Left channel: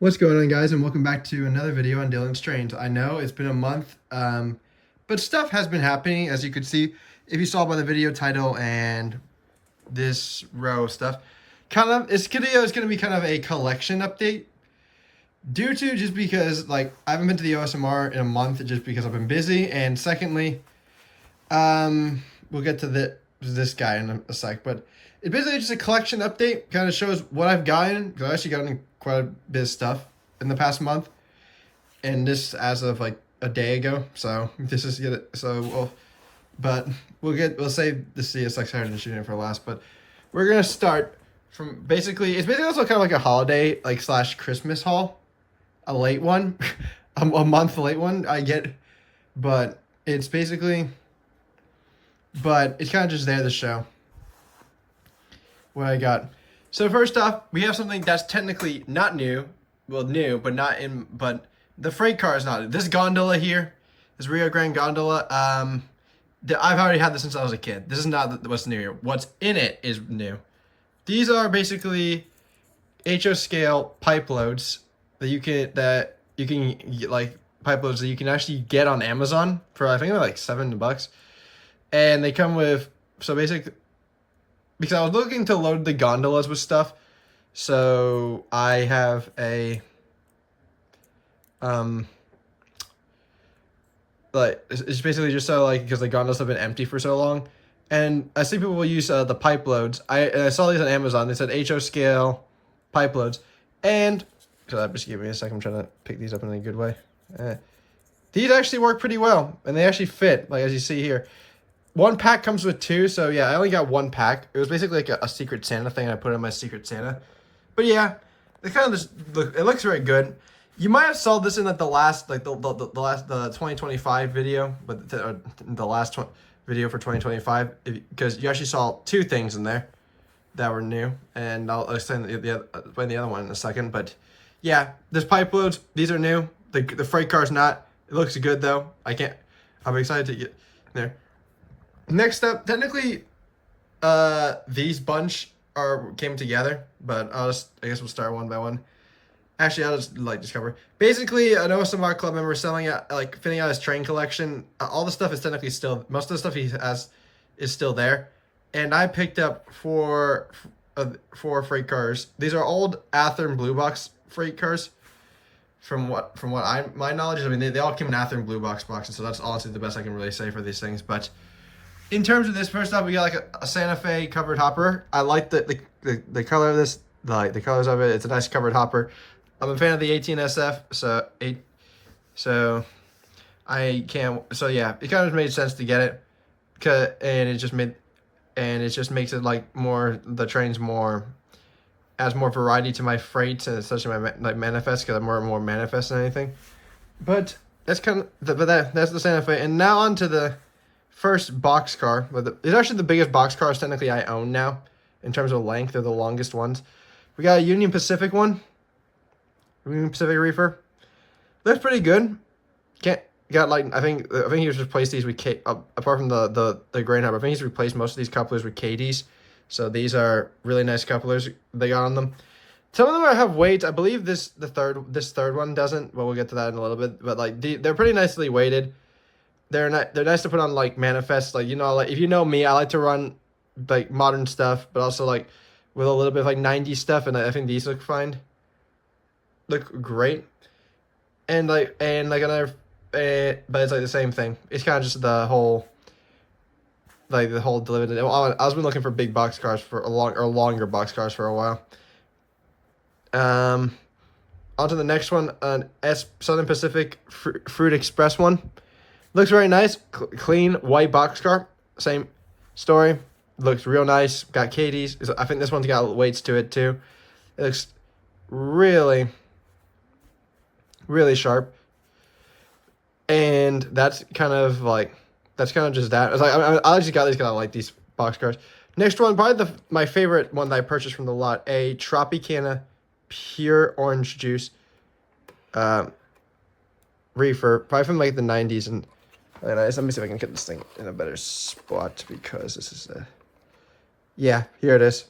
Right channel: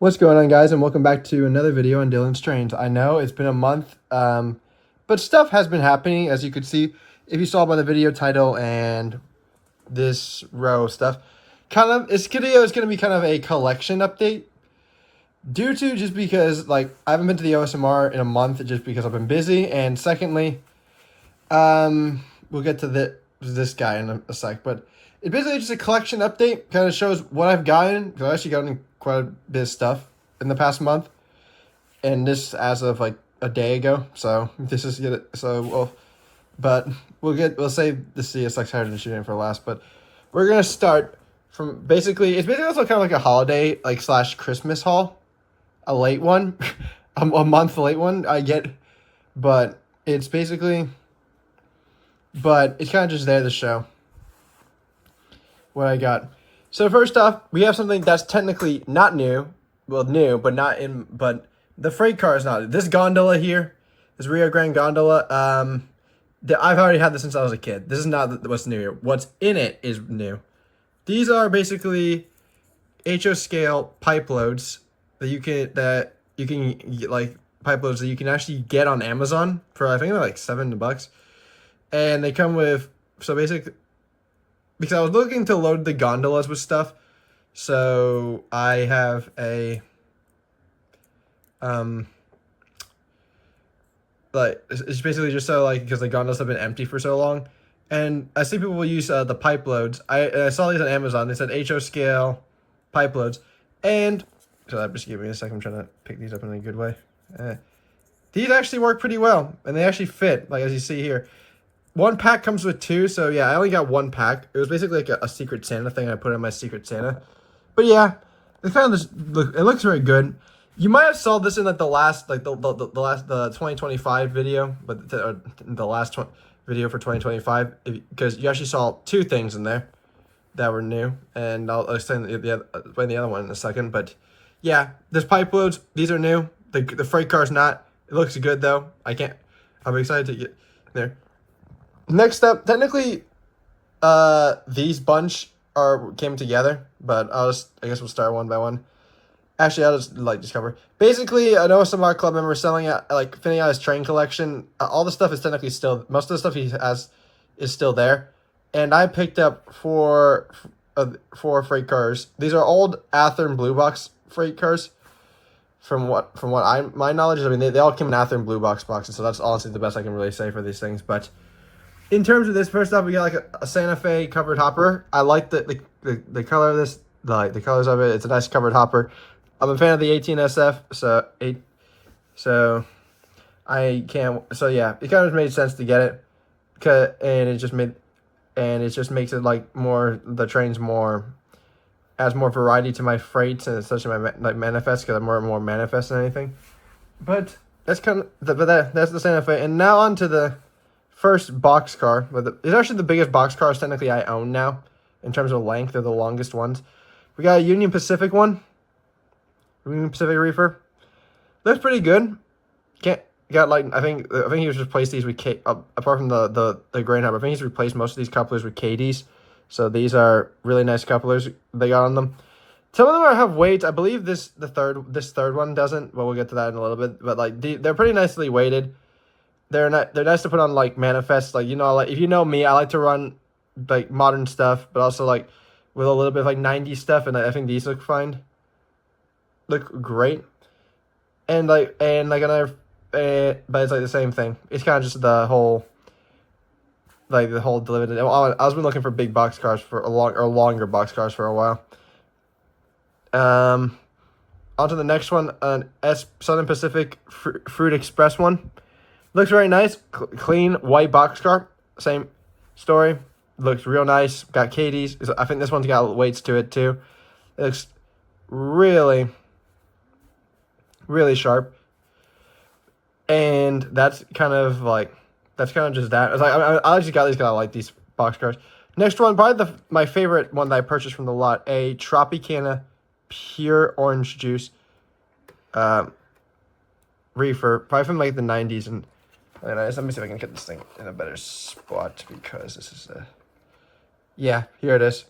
What's going on, guys, and welcome back to another video on Dylan's Trains. I know it's been a month, but stuff has been happening, as you could see if you saw by the video title and this row of stuff. This video is going to be kind of a collection update due to just because, like, I haven't been to the OSMR in a month just because I've been busy, and secondly, we'll get to this guy in a sec, but it's basically just a collection update, kind of shows what I've gotten, because I've actually gotten quite a bit of stuff in the past month, and this as of like a day ago, so this is good. We'll save the CSX Heritage shooting for last, but we're gonna start from it's basically also kind of like a holiday, like slash Christmas haul, a late one, a month late one, I get, but it's basically, but it's kind of just there to show what I got. So first off, we have something that's technically not new. Well, new, but not in. But the freight car is not. This gondola here, this Rio Grande gondola. I've already had this since I was a kid. This is not what's new here. What's in it is new. These are basically HO scale pipe loads that you can get, like pipe loads that you can actually get on Amazon for, I think they're like $7, and they come with, so basically, because I was looking to load the gondolas with stuff, so I have a, like, it's basically just so, like, because the gondolas have been empty for so long, and I see people will use the pipe loads. I saw these on Amazon. They said HO scale pipe loads, and, so just give me a second, I'm trying to pick these up in a good way. These actually work pretty well, and they actually fit, like, as you see here. One pack comes with two, so yeah, I only got one pack. It was basically like a Secret Santa thing, and I put it in my Secret Santa. But yeah, it kind of just it looks very good. You might have saw this in like the 2025 video, but the last video for 2025, because you actually saw two things in there that were new, and I'll explain the other one in a second. But yeah, there's pipe loads. These are new. The freight car's not. It looks good though. I'm excited to get there. Next up, technically, these bunch came together, but I guess we'll start one by one. Actually, I'll just cover. Basically, I know some of our club members selling it, fitting out his train collection. All the stuff is technically still, most of the stuff he has is still there, and I picked up four freight cars. These are old Athearn Blue Box freight cars. From my knowledge, I mean they all came in Athearn Blue Boxes, so that's honestly the best I can really say for these things, but. In terms of this, first off, we got like a Santa Fe covered hopper. I like the color of this, the colors of it. It's a nice covered hopper. I'm a fan of the 18SF, so I can't. So yeah, it kind of made sense to get it, and it just makes it like more, the trains adds more variety to my freights, and especially my like manifest, because I'm more manifest than anything. But that's that's the Santa Fe, and now on to the first boxcar, but it's actually the biggest boxcars technically I own now in terms of length. They're the longest ones. We got a Union Pacific one, Union Pacific reefer. Looks pretty good. I think he's replaced these with apart from the grain hopper. I think he's replaced most of these couplers with KDs. So these are really nice couplers they got on them. Some of them have weights. I believe this third one doesn't. Well, we'll get to that in a little bit. But like they're pretty nicely weighted. They're nice to put on like manifests, like, you know, like if you know me, I like to run like modern stuff, but also like with a little bit of like 90s stuff, and I think these look great. And another, but it's like the same thing. It's kind of just the whole delivered. I was been looking for big box cars for longer box cars for a while. On to the next one, an Southern Pacific Fruit Express one. Looks very nice. Clean white boxcar. Same story. Looks real nice. Got KDs. I think this one's got weights to it too. It looks really, really sharp. And that's kind of just that. It's like I actually got these because I like these boxcars. Next one, probably my favorite one that I purchased from the lot. A Tropicana Pure Orange Juice reefer. Probably from like the 90s. And let me see if I can get this thing in a better spot, because this is yeah, here it is.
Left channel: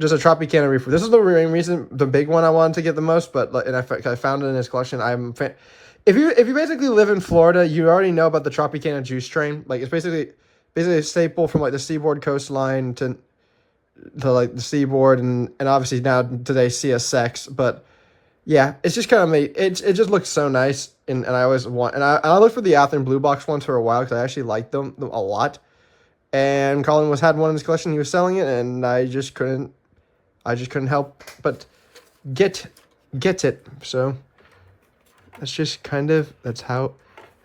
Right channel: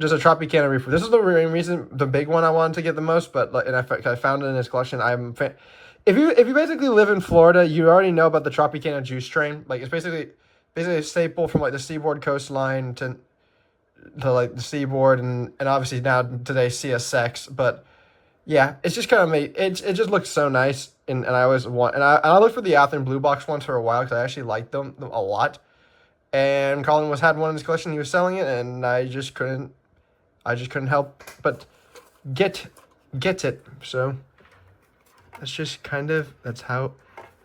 just a Tropicana reefer. This is the main reason, the big one I wanted to get the most, but like, and I found it in his collection. If you basically live in Florida, you already know about the Tropicana juice train. Like it's basically a staple from like the seaboard coastline to like the seaboard and obviously now today CSX. But yeah, it's just kind of it just looks so nice, and I always want, and I looked for the Athearn Blue Box ones for a while because I actually liked them a lot. And Colin had one in his collection. He was selling it, and I just couldn't help but get it. So that's just kind of, that's how.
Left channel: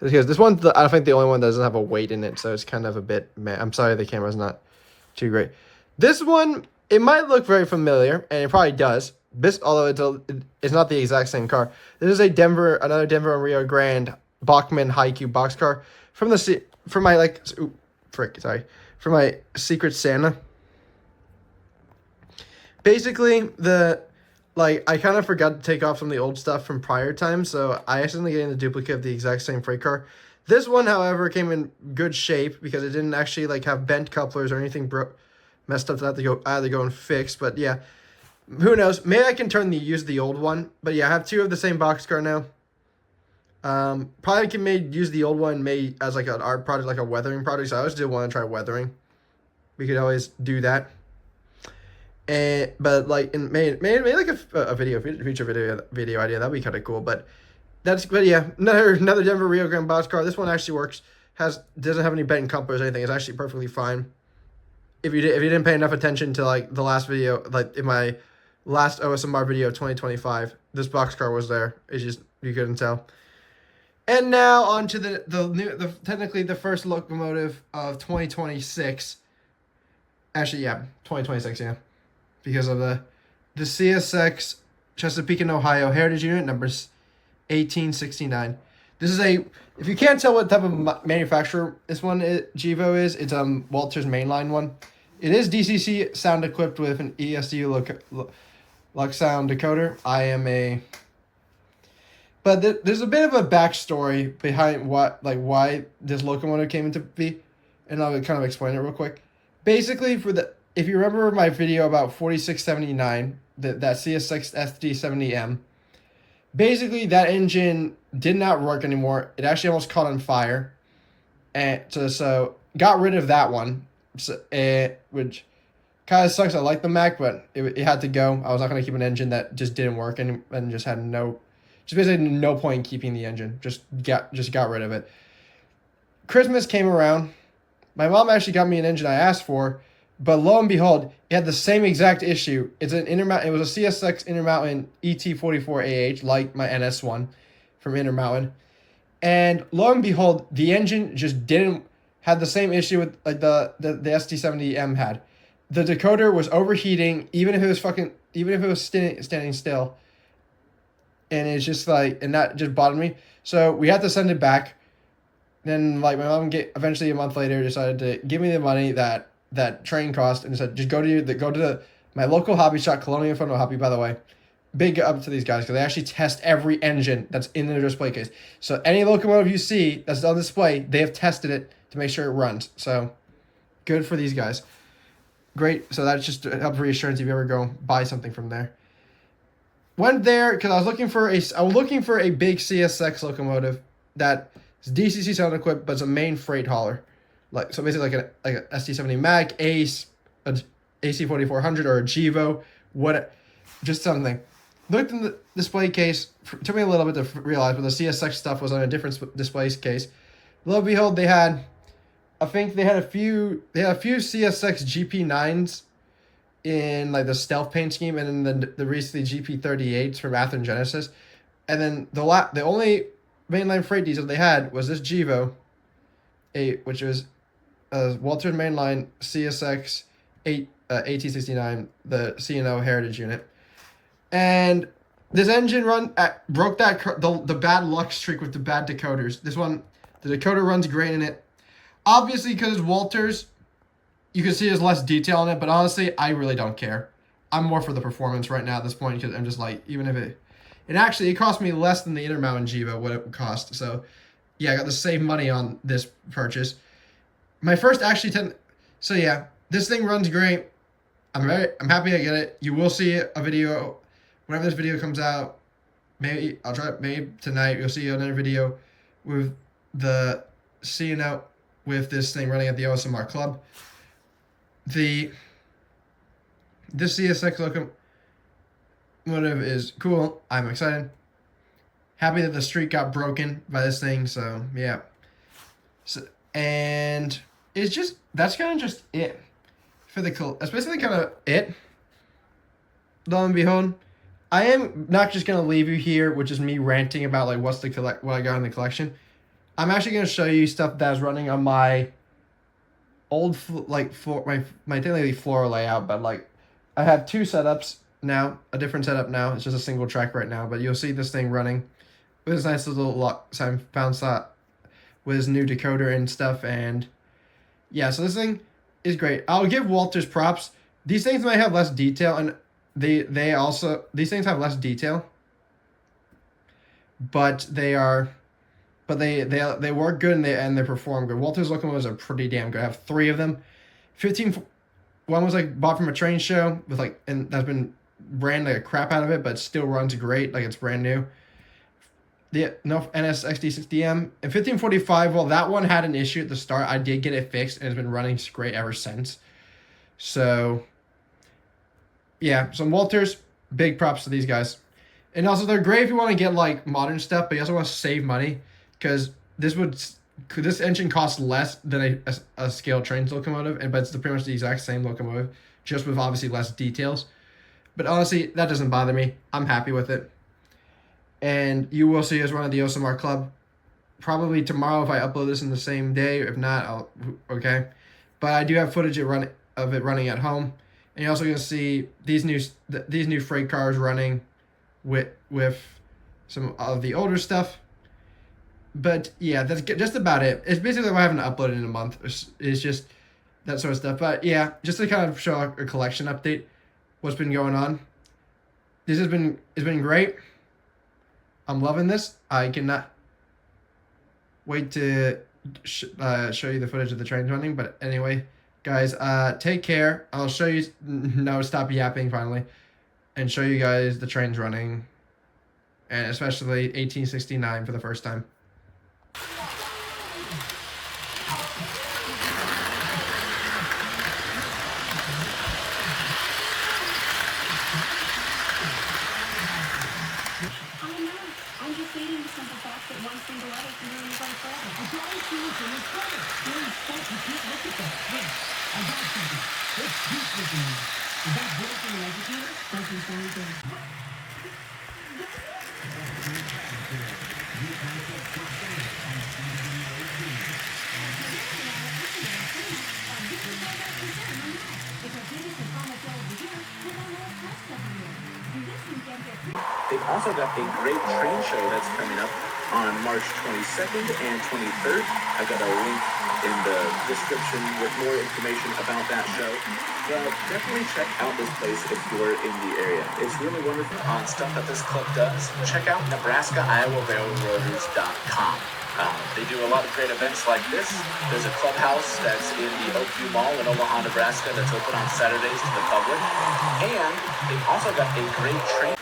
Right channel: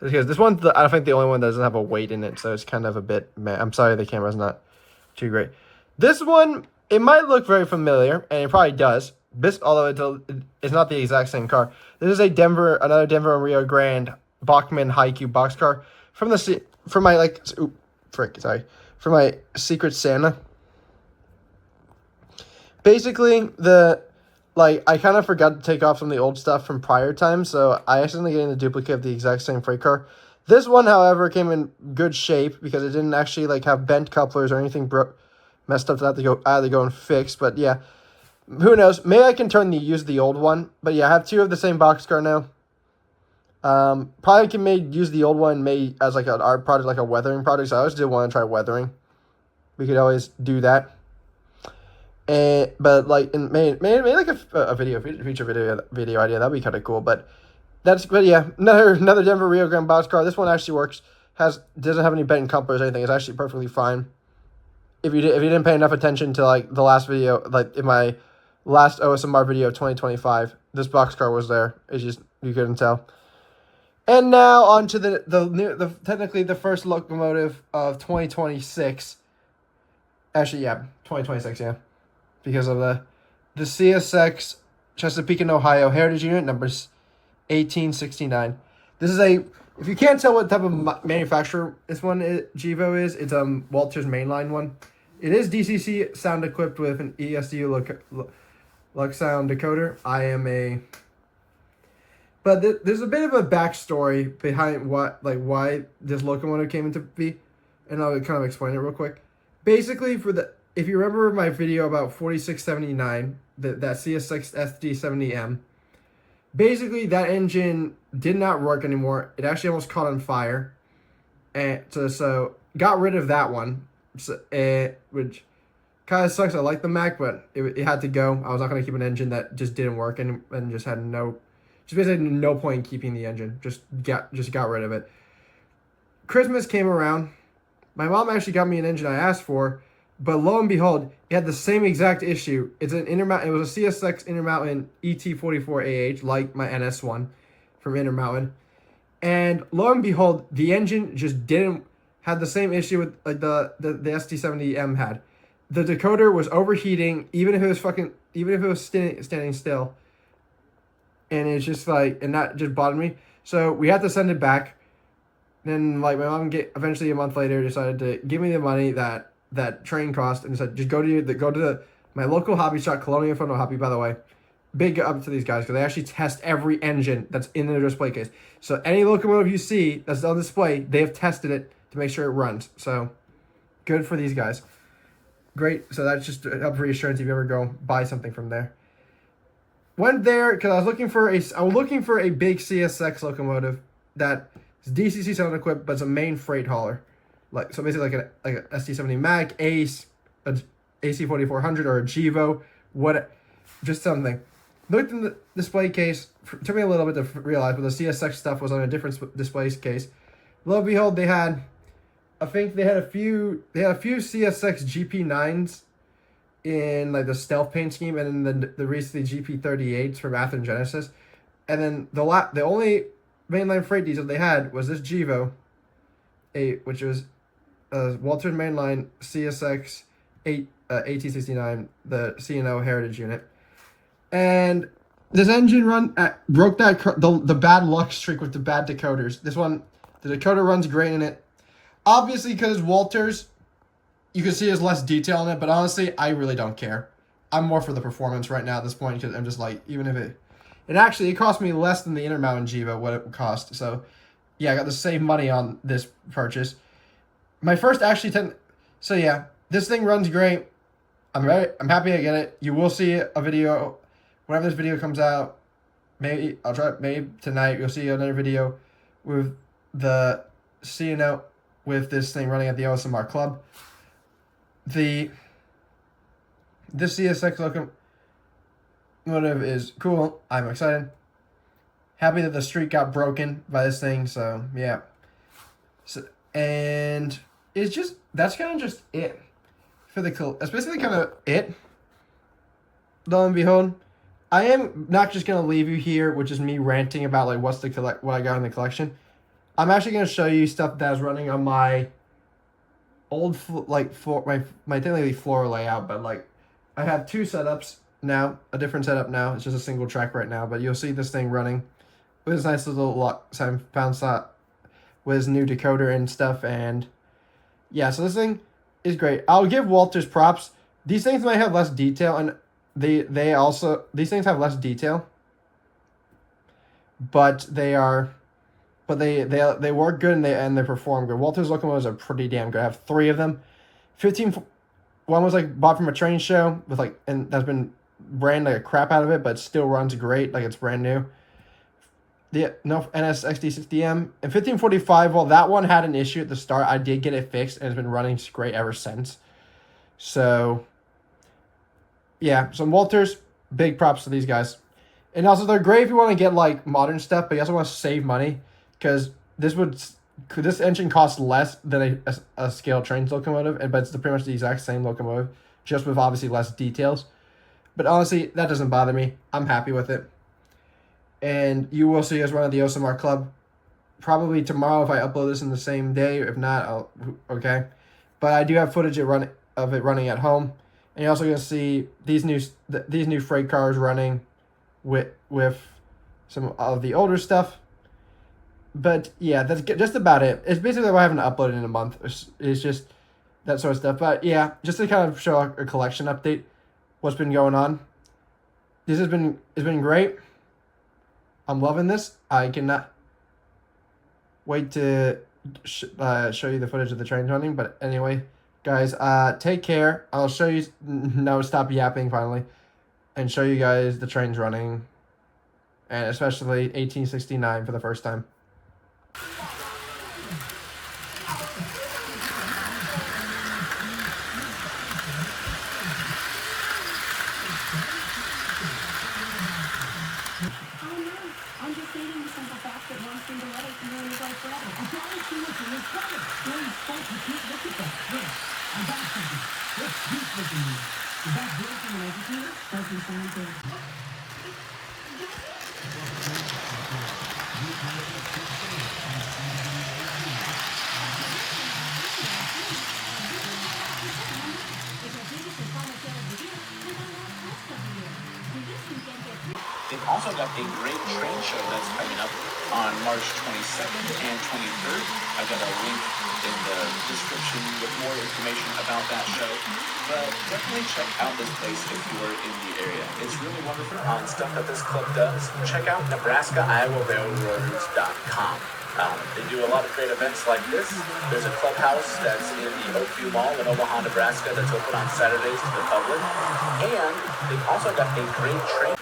Because this one, I think the only one that doesn't have a weight in it, so it's kind of a bit. Man, I'm sorry, the camera's not too great. This one, it might look very familiar, and it probably does. Although it's not the exact same car. This is another Denver and Rio Grande Bachmann Haiku boxcar from my Secret Santa. Basically, I kind of forgot to take off some of the old stuff from prior times, so I accidentally get in a duplicate of the exact same freight car. This one, however, came in good shape because it didn't actually have bent couplers or anything messed up that I had to go and fix. But yeah, who knows? Maybe I can use the old one. But yeah, I have two of the same boxcar now. Probably can use the old one as like an art project, like a weathering project. So I always did want to try weathering. We could always do that. But like maybe like a feature video idea, that'd be kind of cool. But yeah, another Denver Rio Grande boxcar. This one actually works. Doesn't have any bent couplers or anything. It's actually perfectly fine. If you didn't pay enough attention to like the last video, like in my last OSMR video 2025, this boxcar was there. It's just you couldn't tell. And now on to the technically the first locomotive of 2026. Actually, yeah, 2026, yeah. Because of the CSX Chesapeake and Ohio Heritage Unit numbers 1869. This is if you can't tell what type of manufacturer this one Gevo is, it's Walter's mainline one. It is DCC sound equipped with an ESU Lux sound decoder. But there's a bit of a backstory behind why this locomotive came into be, and I'll kind of explain it real quick. Basically, if you remember my video about 4679, that CSX SD70M, basically that engine did not work anymore. It actually almost caught on fire, and so got rid of that one, which kind of sucks. I like the Mac, but it had to go. I was not going to keep an engine that just didn't work and just had basically no point in keeping the engine. Just got rid of it. Christmas came around. My mom actually got me an engine I asked for, but lo and behold, it had the same exact issue. It was a CSX Intermountain ET44AH, like my NS one from Intermountain. And lo and behold, the engine just had the same issue with like the SD70M had. The decoder was overheating, even if it was standing still. And it's just and that just bothered me. So we had to send it back. Then my mom eventually a month later decided to give me the money that train cost and said, just go to my local hobby shop, Colonial Photo Hobby, by the way. Big up to these guys because they actually test every engine that's in their display case. So any locomotive you see that's on display, they have tested it to make sure it runs. So good for these guys. Great. So that's just help reassurance if you ever go buy something from there. Went there because I was looking for a big CSX locomotive that is DCC sound equipped, but it's a main freight hauler. So basically like a ST70 Mac, Ace, an AC4400 or a Gevo, just something. Looked in the display case. Took me a little bit to realize, but the CSX stuff was on a different display case. Lo and behold, they had a few CSX GP9s in like the stealth paint scheme, and then the recently GP38s from Athearn Genesis, and then the only mainline freight diesel they had was this Gevo, which was Walter's mainline CSX 1869, the C&O Heritage Unit, and this engine broke the bad luck streak with the bad decoders. This one, the decoder runs great in it, obviously because Walter's. You can see there's less detail in it, but honestly, I really don't care. I'm more for the performance right now at this point because I'm just like, even if it cost me less than the Intermountain Gevo, what it would cost. So, yeah, I got the same money on this purchase. My first so yeah, this thing runs great. I'm happy I get it. You will see a video whenever this video comes out. Maybe I'll try maybe tonight. You'll see another video with the CNO with this thing running at the OSMR club. This CSX locomotive is cool. I'm excited. Happy that the streak got broken by this thing. So yeah. So, and it's just that's kind of just it for that's basically kind of it. Lo and behold, I am not just gonna leave you here, which is me ranting about like what I got in the collection. I'm actually gonna show you stuff that is running on my old my daily floor layout, but like I have two setups now, a different setup now. It's just a single track right now, but you'll see this thing running with this nice little sound slot with his new decoder and stuff, and yeah, so this thing is great. I'll give Walters props. These things might have less detail, and these things have less detail, but they work good and they perform good. Walters locomotives are pretty damn good. I have 3 of them. 15. One was like bought from a train show with and that's been ran like a crap out of it, but still runs great, like it's brand new. The NS XD60M and 1545. Well, that one had an issue at the start. I did get it fixed and it's been running great ever since. So yeah, some Walters, big props to these guys. And also they're great if you want to get like modern stuff, but you also want to save money because this engine costs less than a scale train locomotive, but it's pretty much the exact same locomotive, just with obviously less details. But honestly, that doesn't bother me. I'm happy with it. And you will see us run at the OSMR Club probably tomorrow if I upload this in the same day. If not, okay. But I do have footage of it running at home. And you're also going to see these new freight cars running with some of the older stuff. But yeah, that's just about it. It's basically what I haven't uploaded in a month. It's just that sort of stuff. But yeah, just to kind of show a collection update, what's been going on. It's been great. I'm loving this. I cannot wait to show you the footage of the trains running. But anyway, guys, take care. I'll show you. No, stop yapping finally, and show you guys the trains running, and especially 1869 for the first time. I'm just stating the simple fact that one single letter can ruin the right forever. I don't see what's in this letter. Well, stop. You can't look at that. Wait, I got something. What's this looking at? Is that good from an educator? Doesn't sound good. They've also got a great train show that's coming up on March 22nd and 23rd. I've got a link in the description with more information about that show. But definitely check out this place if you're in the area. It's really wonderful. On stuff that this club does. Check out NebraskaIowaRailroaders.com. They do a lot of great events like this. There's a clubhouse that's in the Oakview Mall in Omaha, Nebraska that's open on Saturdays to the public. And also got a great train.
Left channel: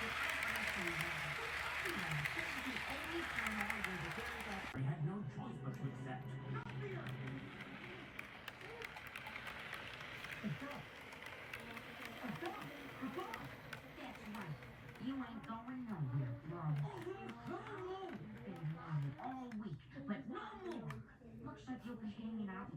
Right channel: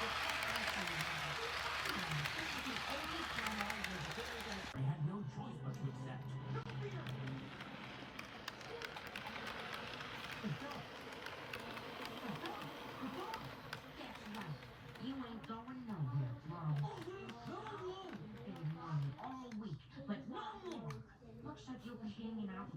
I had no choice but to accept. That's right. You ain't going nowhere, bro. You've been wanted all week, but no more. Looks like you'll be hanging out.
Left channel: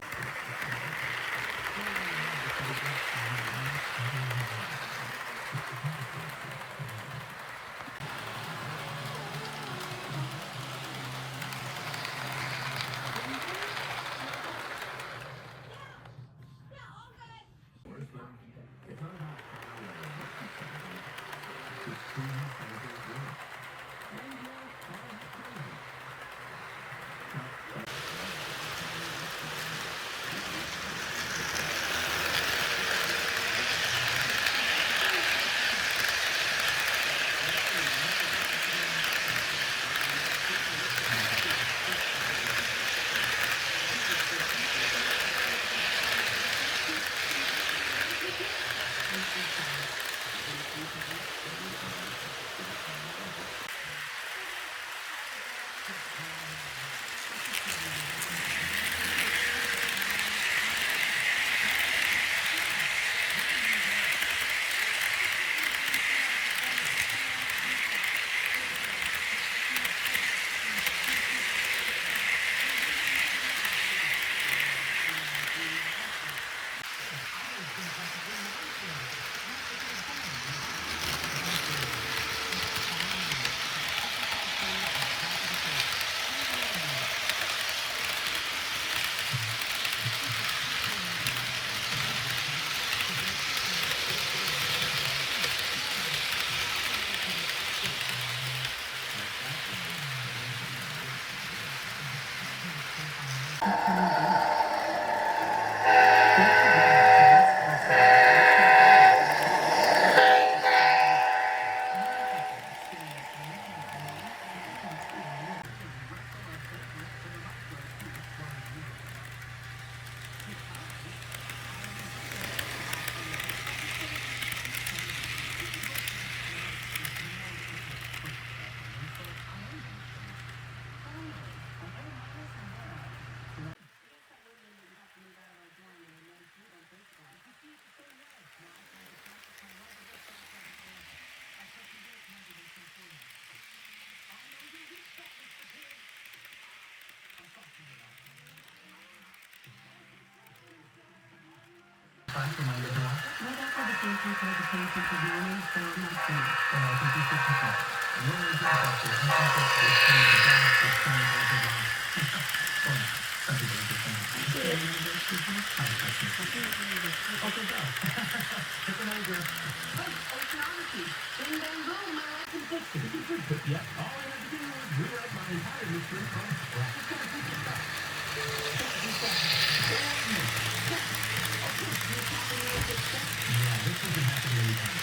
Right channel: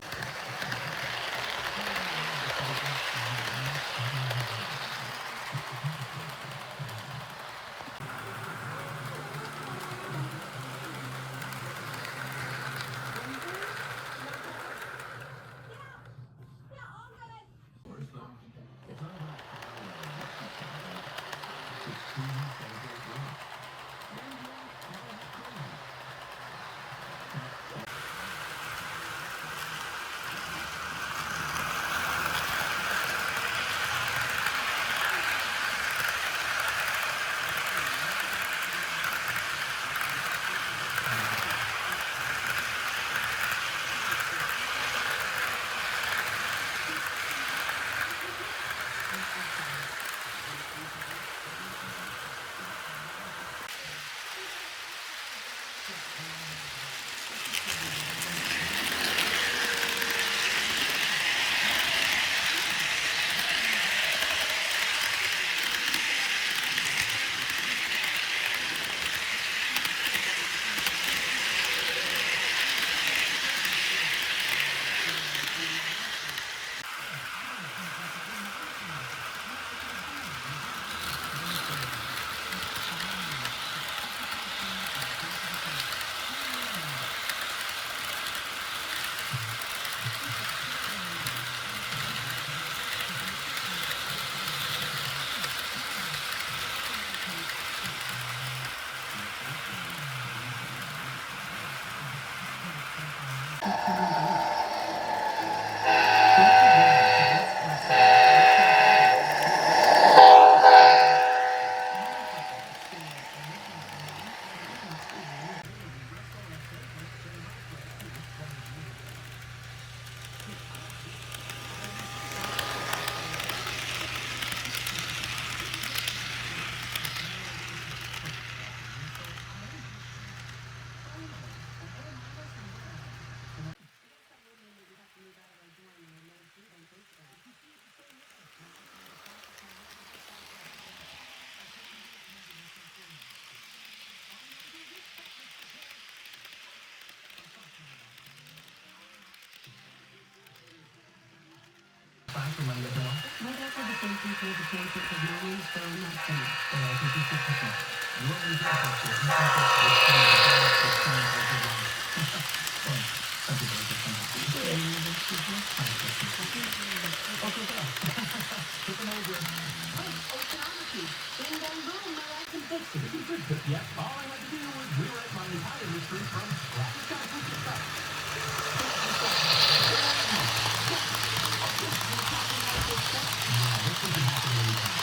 Yep, all I had to do was rewrite my entire history from scratch. This isn't happening anytime